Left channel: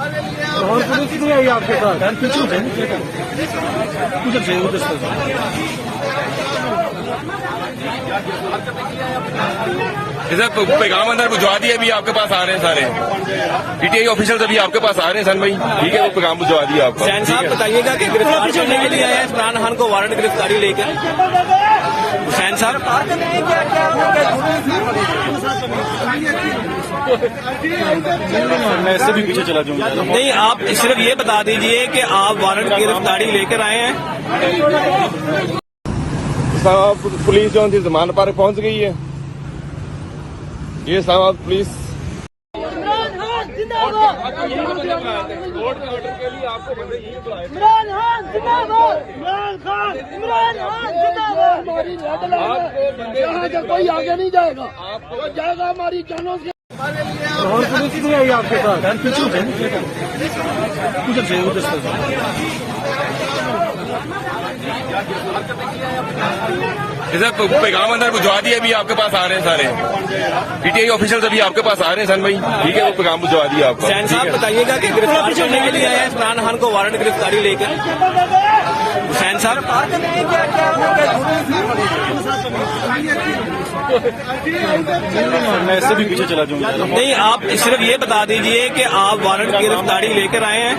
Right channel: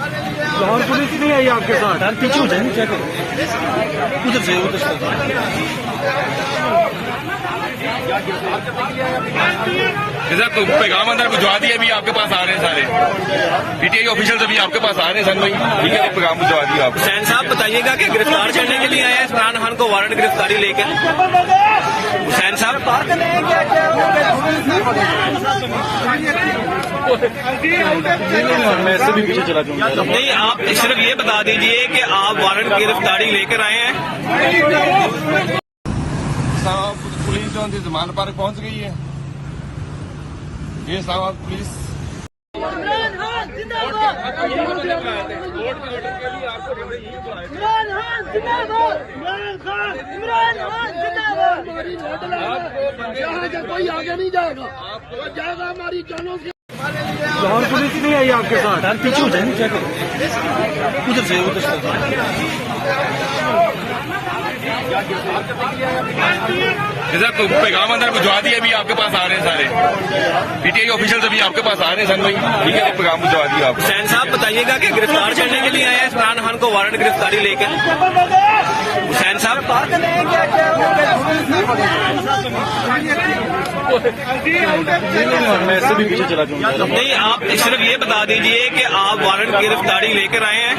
Police नहीं आई आपके पास? पीछे उधर से पैगाम अंदर भिजवा दिया, अभी आपके पास आ रहे हैं सारे पीटीआई ऑफिसर्स, अभी आपके पास आ रहे हैं सन भाई, ठीक है, पैगाम भिजवा दिया। हुसैन साहब बताइएगा कि गिरफ्तार करने के लिए आए हैं इमरान खान को, वारंट गिरफ्तारी लेकर। हुसैन साहब मैं इससे भी पीछे चला जाऊंगा। नहीं, आप सिर्फ ये बता दीजिए कि आप वारंट गिरफ्तारी लेकर आए हैं। पुलिस जो उनकी जमानत पर पहुंच गई है। ये साहब पुलिस इमरान खान जिंदाबाद, यहाँ से कोई आगे नहीं जाएगा, जाएगा हमारी जानों से। पुलिस नहीं आई आपके पास? पीछे उधर से पैगाम अंदर भिजवा दिया, अभी आपके पास आ रहे हैं सारे पीटीआई ऑफिसर्स, अभी आपके पास आ रहे हैं सन भाई, ठीक है, पैगाम भिजवा दिया। हुसैन साहब बताइएगा कि गिरफ्तार करने के लिए आए हैं इमरान खान को, वारंट गिरफ्तारी लेकर। हुसैन साहब मैं इससे भी पीछे चला जाऊंगा। नहीं, आप सिर्फ ये बता दीजिए कि आप वारंट गिरफ्तारी लेकर आए हैं।